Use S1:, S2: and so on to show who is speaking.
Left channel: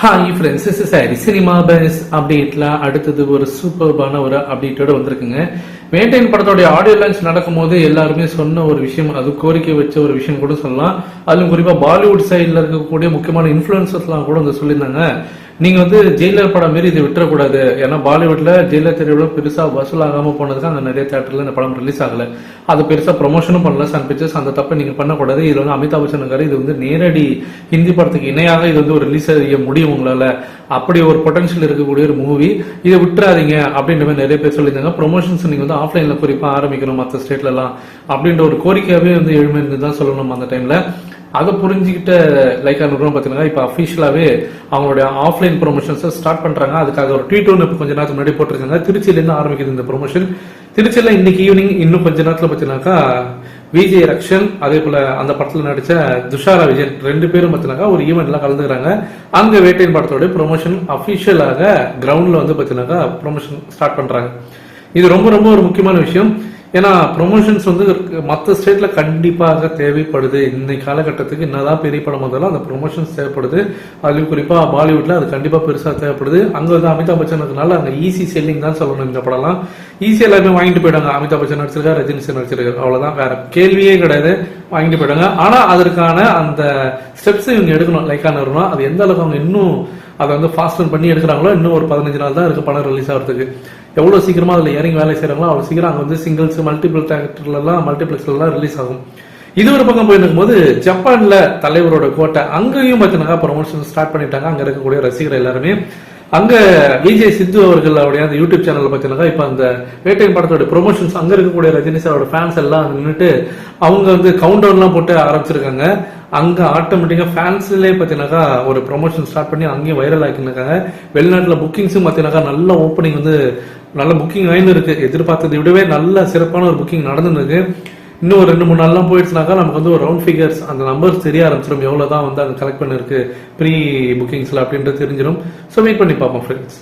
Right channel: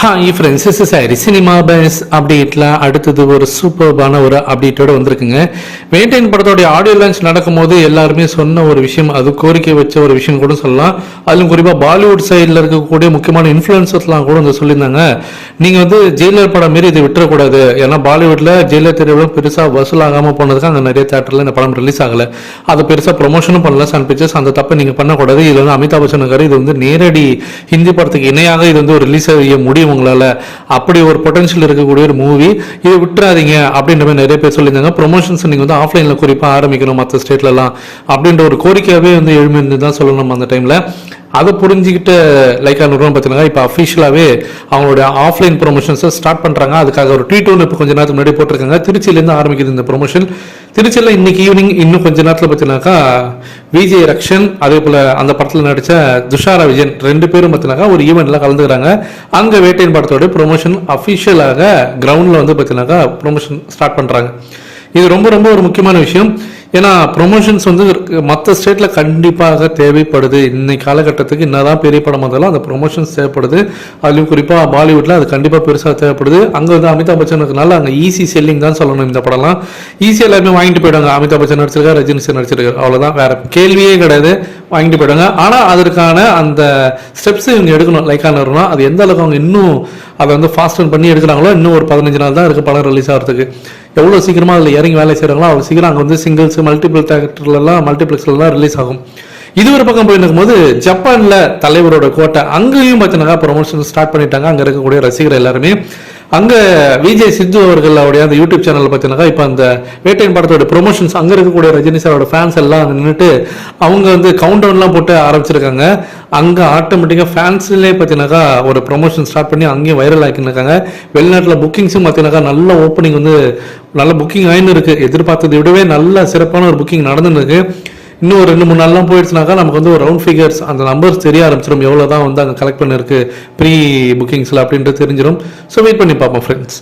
S1: Hi friends is sorry cinema பேஸ் அப்டேட்ல அடுத்தது ஒரு சூப்பர்பான ஒரு அப்டேட்டோட வந்திருக்குங்க. மெயின்டைன் படத்தோடைய ஆடியோ லான்ச் நடக்கும்போது எல்லாருமே சொன்ன ஒரு விஷயம் அது கோரிக்கை வச்ச ஒரு விஷயம் கூட சொல்லலாம். அதிலும் குறிப்பாக பாலிவுட் சைடில் இருக்கக்கூடிய முக்கியமான இன்ஃப்ளூயன்சர்ஸ்லாம் கூட வந்து சொல்லியிருந்தாங்க. நீங்கள் வந்து ஜெயிலர் படம் மாரி இதை விட்டுறக்கூடாது. ஏன்னா பாலிவுட்டில் ஜெயிலர் திரைப்படம் பெருசாக வசூலாகாமல் போனதுக்கு அங்கே நிறைய தேட்டரில் இந்த படம் ரிலீஸ் ஆகலை. அதை பெருசாக ப்ரொமோஷனும் பண்ணல. சன் பிக்சர்ஸ் அந்த தப்பை நீங்கள் பண்ணக்கூடாது. இது வந்து அமிதாப் பச்சன் இது வந்து நேரடி ஹிந்தி படத்துக்கு இணையாக இது வந்து ஒரு ரிலீஸ் செய்ய முடியும் உங்களால அப்படி ஒரு பொட்டன்ஷியல் இருக்கக்கூடிய ஒரு மூவி இதை விட்டுறாதீங்க அப்படின்ற மாதிரி நிறைய பேர் சொல்லியிருந்தாங்க. ப்ரொமோஷன்ஸ் நீங்க வந்து ஆஃப்லைன்ல குறிப்பாக ஆரம்பிக்கணும் மற்ற ஸ்டேட்லலாம் அப்படின்ற ஒரு கோரிக்கையாவே வந்து எழுமிருந்து தான் சொல்லணும் அந்த டைம்ல அதை புரிஞ்சுக்கிட்டு லைக்கா நிறுவனம் பார்த்தீங்கன்னா இப்போ அஃபிஷியலாகவே அவங்களோட ஆஃப்லைன் ப்ரொமோஷன்ஸை ஸ்டார்ட் பண்ணுறாங்க அதுக்காக ஒரு ட்வீட் ஒன்று இப்போ கொஞ்ச நேரத்துக்கு முன்னாடி போட்டிருக்காங்க. திருச்சியிலேருந்து ஆரம்பிக்குது இந்த ப்ரொமோஷன் திருச்சியில் இன்னைக்கு ஈவினிங் இன்னும் கொஞ்ச நேரத்தில் பார்த்தீங்கன்னாக்கா விஜய் ரக்ஷன் அதே போல் அந்த படத்தில் நடித்த துஷாரா விஜயன் ரெண்டு பேரும் பார்த்தீங்கன்னாக்கா ஒரு ஈவெண்ட்டில் கலந்துக்கிறாங்க. அங்கே வேட்டையின் படத்தோட ப்ரொமோஷன் அஃபிஷியலாக கிரவுண்டில் வந்து பார்த்தீங்கன்னாக்கா ப்ரொமோஷன் ஸ்டார்ட் பண்ணுறாங்க இது ரொம்ப ரொம்ப ஒரு முக்கியமான விஷயம். ஏன்னா ப்ரொமோஷன்ஸ் வந்து மற்ற ஸ்டேட்டில் கண்டிப்பாக தேவைப்படுது. இன்னைக்கு காலகட்டத்துக்கு என்னதான் பெரிய படம் வந்தாலும் அந்த ப்ரொமோஷன்ஸ் தேவைப்படுது. அதுலேயும் குறிப்பாக பாலிவுட்டில் அது கண்டிப்பாக பெருசாக தேவைப்படுது. அங்கே வந்து அமிதாப் பச்சன் இருக்கனால அங்கே ஈஸி செல்லிங் தான் சொல்லணும் இந்த படம்லாம். ஈஸியாக எல்லாருமே வாங்கிட்டு போயிடுவாங்க. அமிதாப் பச்சன் நடிச்சிருக்காரு ரஜினி சார் நடிச்சிருக்காரு. அவ்வளோதான் வேற கேள்வியே கிடையாது. வாங்கிட்டு போயிடுவாங்க. ஆனால் அதற்கான அந்த ஸ்டெப்ஸ் இவங்க எடுக்கணும் லைக்கான வரணும் அது எந்த அளவுக்கு அவங்க இன்னும் அதை வந்து ஃபாஸ்ட் பண்ணி எடுக்கிறாங்களோ இன்னும் ஒரு பதினஞ்சு நாள் தான் இருக்குது படம் ரிலீஸ் ஆகிறதுக்கு. எவ்வளோ சீக்கிரமாக அதில் இறங்கி வேலை செய்கிறாங்களோ அவ்வளோ சீக்கிரம் அங்கே வந்து சிங்கிள்ஸ் மல்டிபிள் தேட்டர்லாம் மல்டிப்ளெக்ஸ்லாம் ரிலீஸ் ஆகும். இது ஒரு பக்கம் போயிருக்கும் போது ஜப்பானில் தலைவரோட கோட்டை அங்கேயும் பார்த்தீங்கன்னா ப்ரொமோஷன் ஸ்டார்ட் பண்ணிட்டாங்க. அங்கே இருக்கக்கூடிய ரசிகர் எல்லாருமே. அங்கே விஜய் சித்து அவர்கள் அவருடைய அந்த யூடியூப் சேனலில் பார்த்தீங்கன்னா இப்போ அந்த வேட்டையின் படத்தோட ப்ரொமோஷன்ஸ் அங்கே இருக்கக்கூடிய ரஜினி சாரோட ஃபேன்ஸ் எல்லாம் நின்றுட்டு அவங்க வந்து கவுண்ட் டவுன்லாம் போட்டு ஆரம்பிச்சிருக்காங்க. அங்கே ஆட்டோமேட்டிக்காக ஃபேன்ஸ்லேயே பார்த்தீங்கன்னாக்கா ஒரு ப்ரொமோஷன் ஸ்டார்ட் பண்ணி அங்கேயும் வைரல் ஆக்கியிருக்காங்க. வெளிநாட்டில் புக்கிங்ஸும் பார்த்தீங்கன்னாக்கா நல்ல ஓப்பனிங் வந்து நல்ல புக்கிங் ஆயின்னு இருக்கு. எதிர்பார்த்ததை விடவே நல்ல சிறப்பான ஒரு புக்கிங் நடந்துன்னு இன்னும் ஒரு ரெண்டு மூணு நாள்லாம் போயிடுச்சுனாக்கா நமக்கு வந்து ஒரு ரவுண்ட் ஃபிகர்ஸ் அந்த நம்பர்ஸ் தெரிய ஆரம்பிச்சிடும் எவ்வளோ தான் வந்து அங்கே கலெக்ட் பண்ணிருக்கு ப்ரீ புக்கிங்ஸில் அப்படின்றது தெரிஞ்சிடும் ஸோ வெயிட் பண்ணி பார்ப்போம் ஃப்ரெண்ட்ஸ்